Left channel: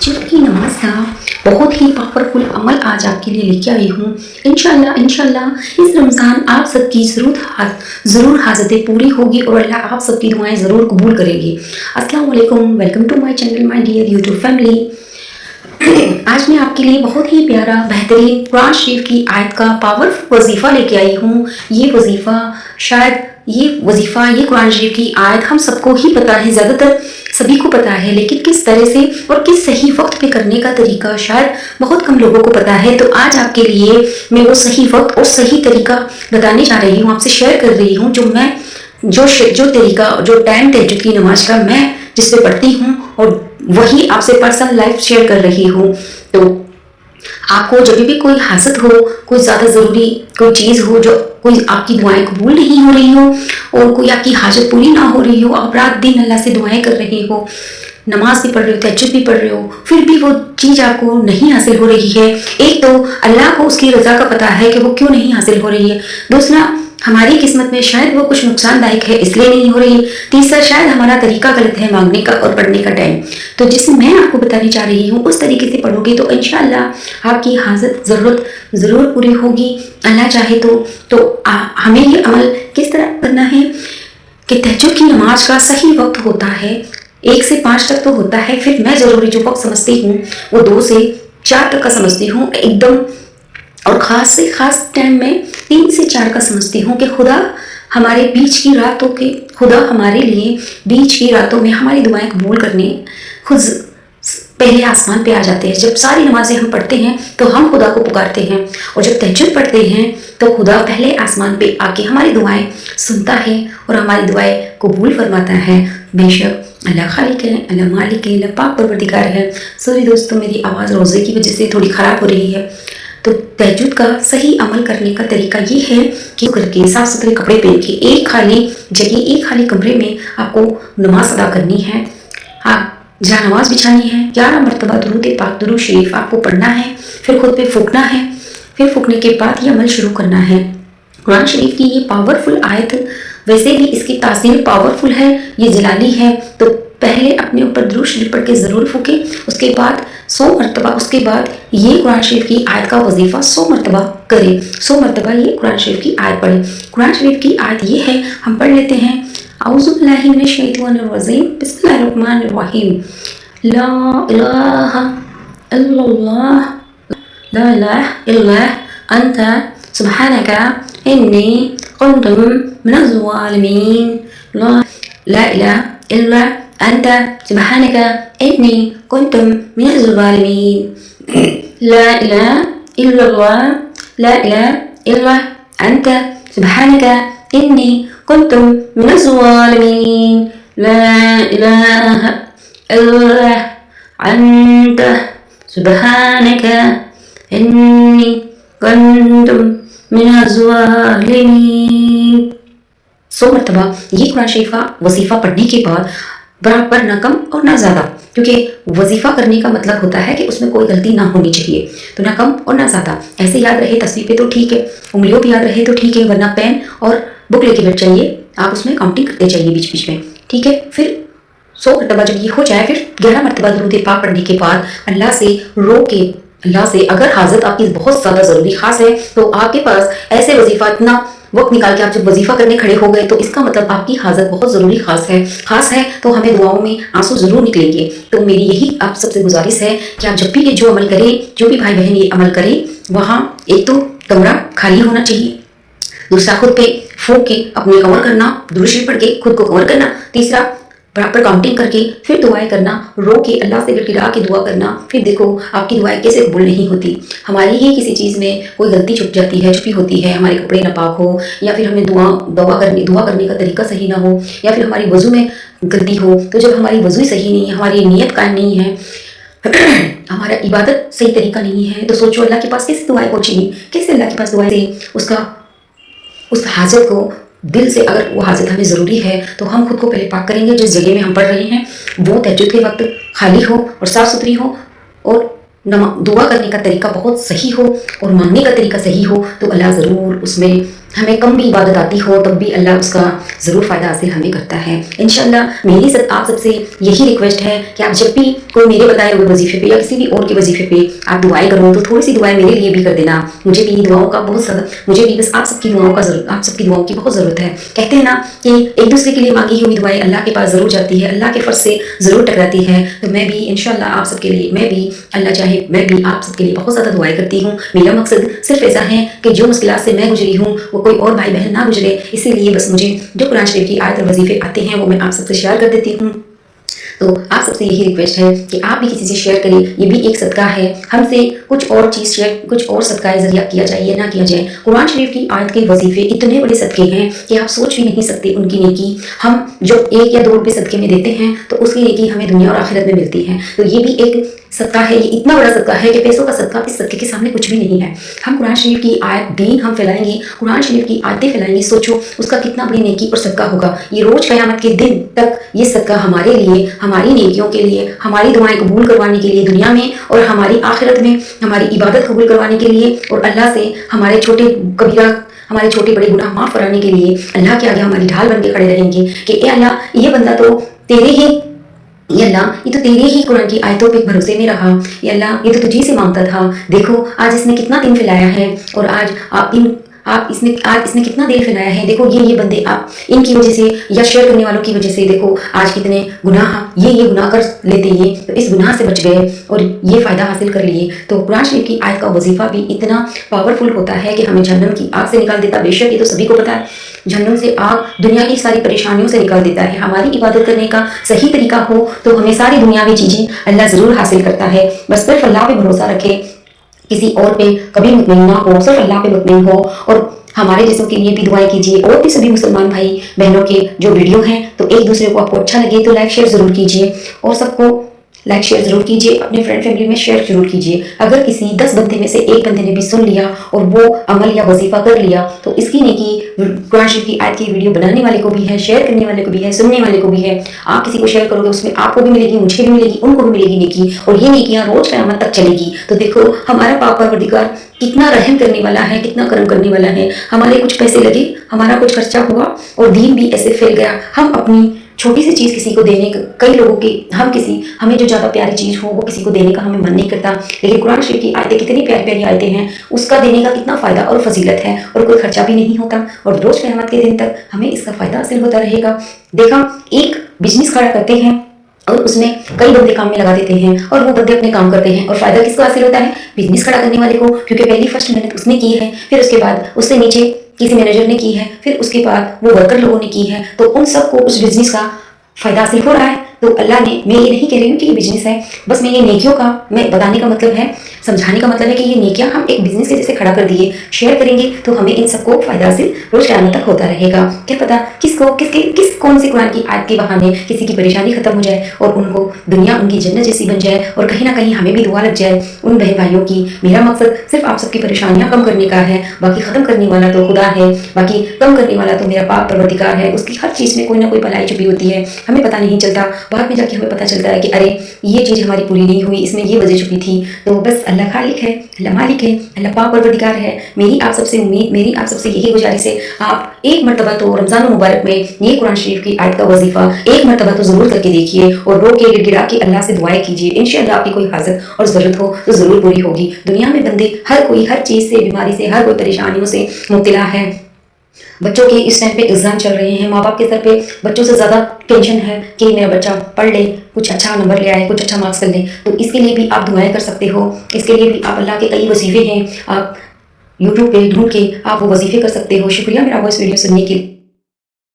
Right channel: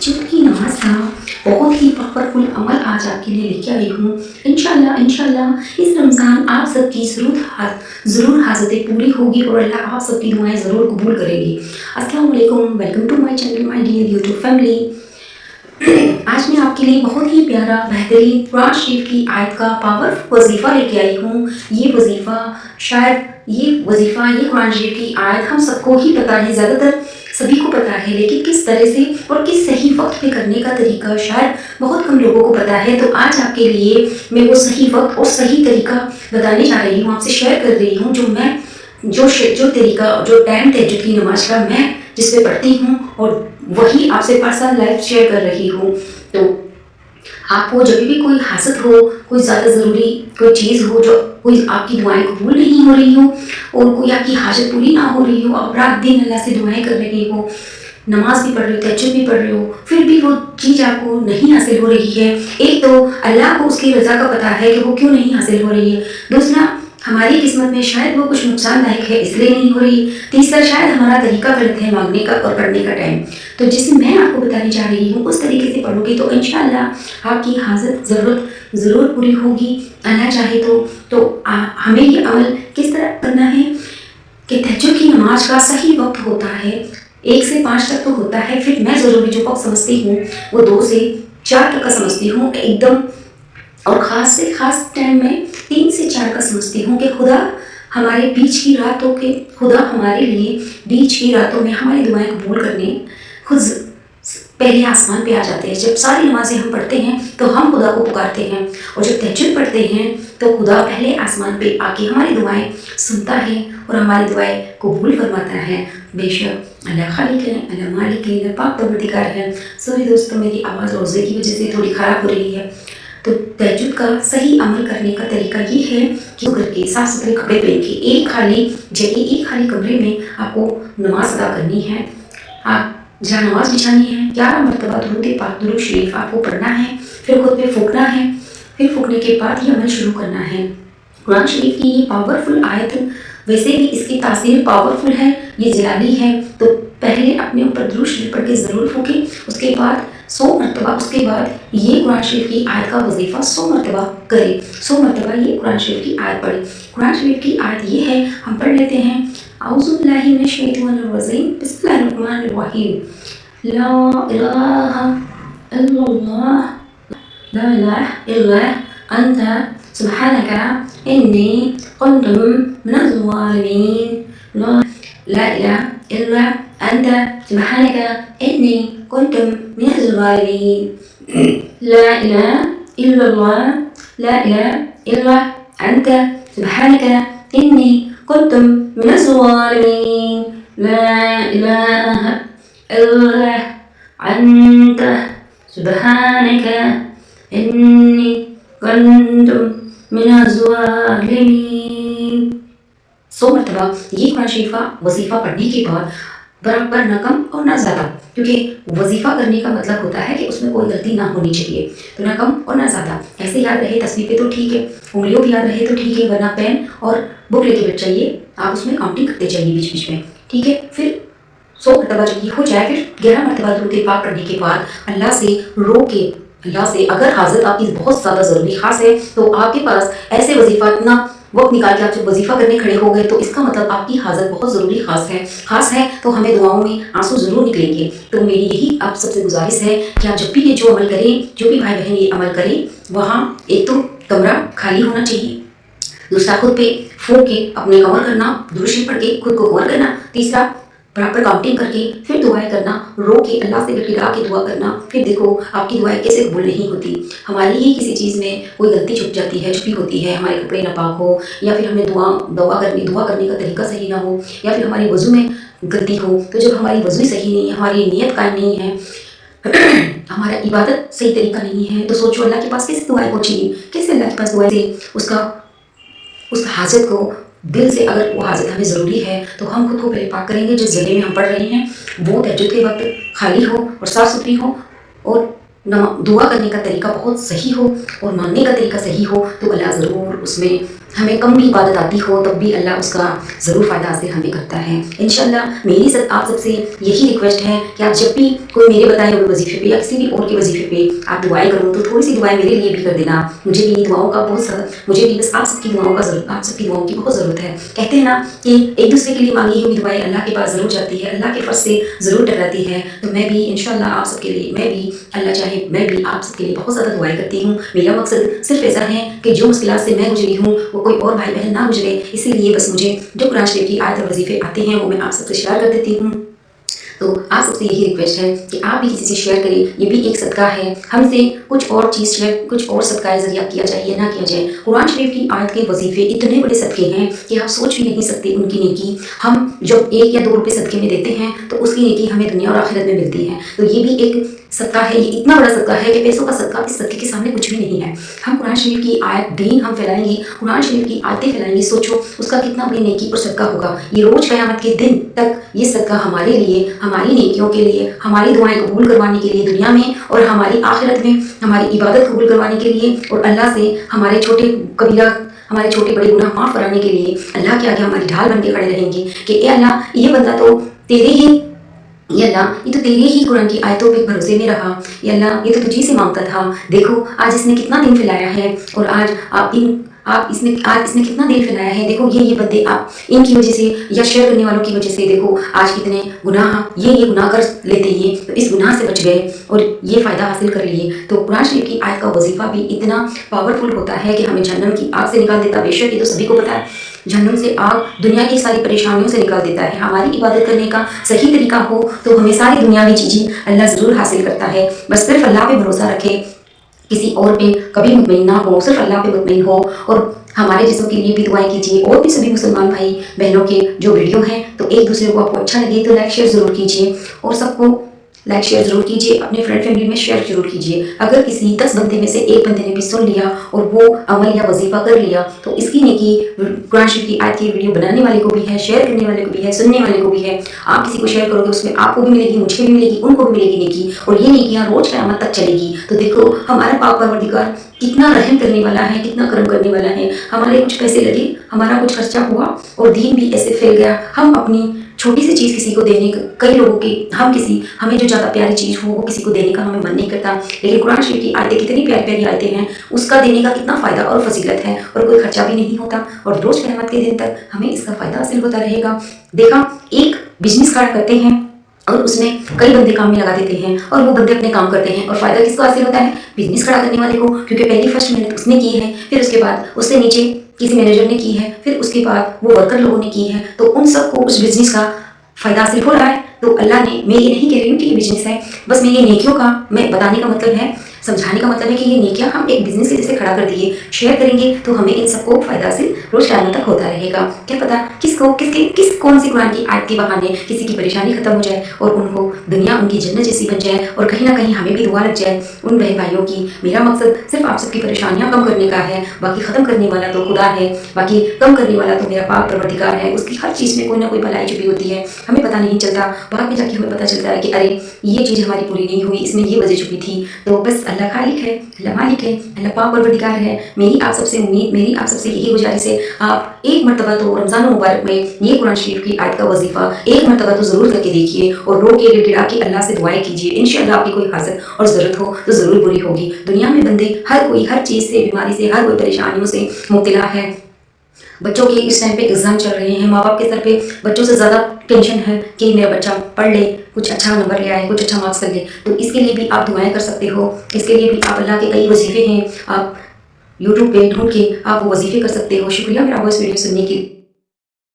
तहज्जुद की नमाज का बहुत ही पावरफुल अमल आज आपके लिए लेके आई हूँ। इंशाल्लाह इस रमज़ान आप सबकी ज़रूर हाजतें पूरी होगी और अल्लाह आप सबकी दुआएं ज़रूर कबूल करेंगे। अस्सलाम वालेकुम, welcome to my channel, my dear YouTube family. आज मैं आपके लिए बहुत ही प्यारा बेहतरीन कुरान शरीफ की आयत का पावरफुल वजीफ़ा लेके आई हूँ। ये कुरान शरीफ की आयत हम सबको ही पता है, ज़्यादातर सभी को पता है, लेकिन किस तरह से और किस सही वक्त पे करने का तरीका शायद बहुत कम लोगों को पता है। तो आज आपके लिए मैं वो सही वक्त और सही तरीका बताने जा रही हूँ, आपसे शेयर कर रही हूँ, जो तरीका, जो टाइम तहज्जुद की नमाज का मैं जिस पे पढ़ती हूँ और वही आपसे पर्सनल लाइफ शेयर कर रही हूँ। तो आपको जब भी कोई हाजत हो, कोई ज़्यादा ज़रूरी कोई चीज़ हो, जो कोई आपकी दुआएं कबूल नहीं हो रही हो और कोई आपकी हाजत पूरी ना हो रही हो, आप रात दिन अल्लाह से दुआएं कर रहे हो, नमाज भी पढ़ रहे हो, तहज्जुद भी पढ़ रहे हो, फिर भी वो चीज़ आपको नहीं हासिल हो रही है। एक तो अल्लाह को उसकी रज़ा का पता है कि वो क्यों नहीं हासिल हो रही है। दूसरा, हमारी किस्मत में शायद वो कुछ नुकसानदायक है इसलिए नहीं हो रही। तीसरा, शायद हमारा तरीका गलत है मांगने का और पढ़ने का टाइम। तो जिसे मैं आपको बताने जा रही हूँ उस तरीके से पढ़ोगे तो इंशाअल्लाह आपकी हाजत ज़रूरत ज़रूर पूरी होगी, अल्लाह चाहे तो हमें ये अमल किस तरह करना है कि तहज्जुद की नमाज का सही वक्त होता है 1 से 5 तक तो होता है, फिर मैं ज़रूरी जो वक्त समझती हूँ वो 2 से 4 तक का समझती हूँ एकदम, और ख़ास से ख़ास टाइम में 3 से 4 का समझती हूँ कि खुदा हमारे लिए बीच की रातों में हमारी दुआएं कबूल करने खुद पहले आसमान पे आ जाते हैं। जब सारी नमाजें हम पढ़ते हैं तो हम खुदा को पुकारते हैं, और जब तहज्जुद पढ़ते हैं तो खुदा पहले आसमान पे आके हमारी दुआएं सुनता है और हमारी दुआएं कबूल फरमाता है। बेशक अल्लाह खालिक है, अल्लाह मालिक है, अल्लाह पाक परवरदिगार है। सॉरी दोस्तों, मेरी आवाज़ रोज़े की वजह से थोड़ी ख़राब हो रही है। तो तहज्जुद का सही अमल करने का तरीका ये है कि करके साफ़ सुथरे कपड़े पहन के एक खाली कमरे में आपको नमाज अदा करनी है। आप जहाँ नमाज बिछानी है 11 मरतबा दुरूद पाक दुरूद शरीफ आपको पढ़ना है, फिर खुद पे फूकना है, फिर फूकने के बाद ये अमल शुरू करना है। कुरान शरीफ की ये पावरफुल आयत, वैसे भी इसकी तासीर पावरफुल है, ये जलाली है। तो पहले अपने ऊपर दुरूद शरीफ पढ़ के ज़रूर फूके, उसके बाद 100 मरतबा, उसके बाद ये कुरान शरीफ की आयत का वजीफ़ा 100 मरतबा करें। 100 मरतबा ये कुरान शरीफ की आयत पढ़ें। कुरान शरीफ की आयत ये है, हम पढ़ लेते हैं। औज़ु बिल्लाहि मिनश शैतानिर रजीम, बिस्मिल्लाहिर रहमानिर रहीम। ला इलाहा इल्लल्लाह, ला इलाहा इल्ला अंता सुब्हानका इन्नी कुन्तु मिनज़ ज़ालिमीन। ला इलाहा इल्ला अंता सुब्हानका इन्नी कुन्तु मिनज़ ज़ालिमीन। ला इलाहा इल्लल्लाह, ला इलाहा इल्ला अंता सुब्हानका इन्नी कुन्तु मिनज़ ज़ालिमीन। ला इलाहा इल्ला अंता सुब्हानका इन्नी कुन्तु मिनज़ ज़ालिमीन। 100 मरतबा ये कुरान शरीफ का वजीफ़ा पढ़ने के बाद बराबर ना कम और ना ज़्यादा, क्योंकि वजीफ़ा करने का मतलब होता है कि उसमें कोई गलती ना होनी चाहिए, तो ना कम और ना ज़्यादा। ऐसे याद रहे तस्वीर पे तो ठीक है, उंगलियों पे याद रहे तो ठीक है, वरना पेन और बुक लेके बैठ जाइए, आप उसमें काउंटिंग करते जाइए बीच बीच में, ठीक है। फिर 100 मरतबा जब ये हो जाए, फिर 11 मरतबा दुरूद पाक पढ़ने के बाद अल्लाह से अगर हाजत आपकी बहुत ज़्यादा ज़रूरी खास है तो आपके पास ऐसे वजीफ़ा इतना वक्त निकाल के आप जब वजीफ़ा करने खड़े हो गए तो इसका मतलब आपकी हाजत बहुत ज़रूरी खास है तो हमें दुआओं में आंसू ज़रूर निकलेंगे। तो मेरी यही आप सबसे गुजारिश है कि आप जब भी ये जो अमल करें, जो भी भाई बहन ये अमल करें, वहाँ एक तो कमरा खाली होना चाहिए, दूसरा खुद पे फूंक के अपने कवर करना, दुरूद शरीफ पढ़ के खुद को कवर करना, तीसरा बराबर काउंटिंग करके फिर दुआएं करना, रो के अल्लाह से गिड़गिड़ा के दुआ करना। फिर देखो आपकी दुआएं कैसे कबूल नहीं होती। हमारी ही किसी चीज़ में कोई गलती छुपी होती है, हमारे कपड़े नापाक हो, या फिर हमें दुआ करने का तरीका सही ना हो, या फिर हमारी वज़ू में गलती हो। तो जब हमारी वज़ू सही नहीं है, हमारी नीयत कायम नहीं है, हमारा इबादत सही तरीका नहीं है, तो सोचो अल्लाह के पास कैसे दुआएं पहुँचेंगी, कैसे अल्लाह के पास दुआएं से उस हाजत को दिल से, अगर वो हाजत हमें ज़रूरी है तो हम खुद को पहले पाक करेंगे। जिस जगह में हम पढ़ रहे हैं वो तहज्जुद के वक्त खाली हो और साफ़ सुथरी हो, और दुआ करने का तरीका बहुत सही हो और मांगने का तरीका सही हो, तो अल्लाह ज़रूर उसमें हमें कम भी इबादत आती हो तब भी अल्लाह उसका ज़रूर फ़ायदा हासिल हमें करता है इंशाअल्लाह। मेरी आप सबसे यही रिक्वेस्ट है कि आप जब भी कोई मेरे बताए हुए वजीफे पे या किसी भी और के वजीफे पे आप दुआएं करो तो थोड़ी सी दुआएं मेरे लिए भी कर देना। मुझे भी दुआओं का बहुत ज़्यादा, मुझे भी बस आप सबकी दुआओं का ज़रूरत, आप सबकी दुआओं की बहुत ज़रूरत है। कहते हैं ना कि एक दूसरे के लिए मांगी हुई दुआएं अल्लाह के पास ज़रूर जाती है, अल्लाह के फर्ज से ज़रूर टकराती है। तो मैं भी इंशाअल्लाह आप सबके लिए, मैं भी अल्लाह चाहे मैं भी आप सबके लिए बहुत ज़्यादा दुआएं करती हूँ। मेरा मकसद सिर्फ ऐसा है कि जो मुश्किलात से मैं गुजरी हूँ वो कोई और भाई बहन ना गुजरे, इसीलिए बस मुझे जो कुरान शरीफ की आयत और वजीफे आते हैं वो मैं आप सबसे शेयर कर देती हूँ। तो आप सबसे यही रिक्वेस्ट है कि आप भी किसी से शेयर करें, ये भी एक सदका है। हमसे कुछ और चीज़ शेयर, कुछ और सदका जरिया किया जाए या ना किया जाए। कुरान शरीफ की आयत के वजीफे इतने बड़े सदके हैं कि आप सोच भी नहीं सकते उनकी नेकी। हम जब 1 या 2 रुपये सदके में देते हैं तो उसकी नेकी हमें दुनिया और आखिरत में मिलती है। तो ये भी एक सदका है, ये इतना बड़ा सदका है कि पैसों का सदका इस सदके के सामने कुछ भी नहीं है। हम कुरान शरीफ की आयत दीन हम फैलाएंगे, कुरान शरीफ की आयतें फैलाएंगे, सोचो उसका कितना बड़ी नेकी और सदका होगा। ये रोज़ क़यामत के दिन तक ये सदका हमारे लिए, हमारी नेकियों के लिए, हमारी दुआएं कबूल करवाने के लिए दुनिया में, और हमारी आखिरत में हमारी इबादत कबूल करवाने के लिए, और अल्लाह से हमारे हमारे छोटे बड़े गुनाह माफ़ कराने के लिए अल्लाह के आगे हमारी ढाल बन के खड़े रहेंगे कि ए अल्लाह, ये बंदा तो तेरे ही, ये अल्लाह ये तो तेरे ही कुरान की आयतों पे भरोसे में रहा, ये अल्लाह ये तो तुझी से मांगता था। देखो आज इसने कितना दिन फैलाया है, और आज इसने कितना दिल फैलाया है। देखो ये बंदे आप इनकी वजह से या शेयर करने वालों की वजह से देखो आज कितने ये गुनाह कर लेते, ये तो इस गुनाह से बच गए और ये फ़ायदा हासिल कर लिए। तो कुरान शरीफ की आयत का वजीफ़ा भी इतना पावरफुल होता है कि हमें जहन्नम की आग से निकाल देता। बेशक ये तो सभी को पता है, जहन्नम से आग दुनिया की सारी परेशानियों से निकाल देता है। हमारी इबादत करने का सही तरीका हो तो हमें सारी दुनियावी चीज़ें अल्लाह ज़रूर हासिल करता है। बस सिर्फ अल्लाह पे भरोसा रखे, किसी और पे कभी मुतमईन ना हो, सिर्फ अल्लाह पे मुतमईन हो। और हमारे जैसों के लिए भी दुआएं कीजिए, और भी सभी मुसलमान भाई बहनों के जो वीडियो हैं तो एक दूसरे को आपको अच्छा लगे तो लाइक शेयर ज़रूर कीजिए, और सबको लाइक शेयर ज़रूर कीजिए, अपने फ्रेंड फैमिली में शेयर जरूर कीजिए। अगर किसी 10 बंदे में से एक बंदे ने भी सुन लिया और वो अमल या वजीफा कर लिया तो इसकी नेकी कुरान शरीफ की आयत की वीडियो बनाने वाले को भी है, शेयर करने वाले को भी है, सुनने वाले को भी है। आप किसी को शेयर करोगे उसमें आपको भी मिलेगी, मुझे भी मिलेगी, उनको भी मिलेगी नेकी, और ये नेकियां रोज़ क़यामत तक चलेगी। तो देखो हमारा पाक परवरदिगार कितना रहम करने वाला है, कितना करम करने वाला है। हमारे कुछ पैसे लगे, हमारा कुछ खर्चा हुआ और दीन भी ऐसे फैल गया। हम अपनी छोटी सी चीज़ किसी को देने का, कई लोगों की हमें जो ज़्यादा प्यारी चीज़ हो वो किसी को देने का हमें मन नहीं करता, लेकिन कुरान शरीफ की आयतें कितनी प्यारी प्यारी आयतें हैं, उसका देने का कितना फ़ायदा और फजीलत है, और कोई खर्चा भी नहीं होता, और रोज़ क़यामत के दिन तक हमें इसका फ़ायदा हासिल होता रहेगा। देखा, एक बिजनेस खड़ा करते हैं और उसमें कई बंदे काम में लगा देते हैं और वो बंदे अपने काम करते हैं, और फ़ायदा किसको हासिल होता है? बिजनेस खड़ा करने वाले को, क्योंकि पहली फर्स्ट मेहनत उसने की है, फिर उसके बाद उससे नीचे किसी मैनेजर ने की है, फिर उसके बाद वो वर्कर लोगों ने की है, तो उन सबको उस बिजनेस का फ़ायदा हासिल हो रहा है। तो अल्लाह ने, मैं ये नहीं कह रही हूँ कि ये बिजनेस है, बस मैं ये नेकियों का मैं बताने का मतलब है, समझाने का मतलब है कि ये नेकियां हम एक बिजनेस के जैसे खड़ा कर दिए, शेयर करेंगे तो हमें इन सबको फ़ायदा हासिल रोज़ क़यामत तक होता रहेगा। क्या पता कौन सी कुरान की आयत के बहाने किसी की परेशानी ख़त्म हो जाए और उनको दुनिया उनकी जन्नत जैसी बन जाए, और कहीं ना कहीं हमें भी दुआ लग जाए उन बहन भाइयों की। मेरा मकसद सिर्फ आप सबकी परेशानियाँ कम करने का है, बाकी ख़त्म करने वाला तो खुदा है, बाकी कम करने वाला तो मेरा पाक परवरदिगार है। उसकी हर चीज़ में कोई ना कोई भलाई छुपी होती है, हमें पता नहीं चलता, बाद में जाके हमें पता चलता है कि अरे ये चीज़ हमारी पूरी नहीं हुई, इसमें ये वजह छुपी थी। तो बस अल्लाह खालिक है, अल्लाह मालिक है, अल्लाह पाक परवरदिगार है। मेरी आप सबसे उम्मीद, मेरी आप सबसे यही गुजारिश है, आप एक मरतबा तो रमज़ान मुबारक में ये कुरान शरीफ की आयत का वजीफ़ा एक मरतबा तो ज़रूर करके देखिए, और रो के गिड़गिड़ा के अल्लाह से दुआएं कीजिए। इंशाअल्लाह आपकी कोई हाजत और ज़रूरत हो तो ज़रूर पूरी होगी। दुनिया में बंदे हर कोई हर चीज़ से, बीमारी से, हर कोई परेशानियों से मुब्तला है। बच्चों के इस टाइम पे एग्ज़ाम चल रहे हैं, माँ बाप के सर पे बच्चों से ज़्यादा टेंशन है कि मेरा बच्चा पढ़ ले, कुछ अच्छा नंबर ले आए, कुछ अच्छा मार्क्स कर ले। तो इसके लिए भी आप दुआएं कर सकते हो, इसके लिए भी आप अल्लाह के कई वजीफ़े हैं, आप यूट्यूब पे ढूंढ के आप वो वजीफ़े कर सकते हो। शुक्रिया मेरा वॉइस वीडियो सुनने के लिए।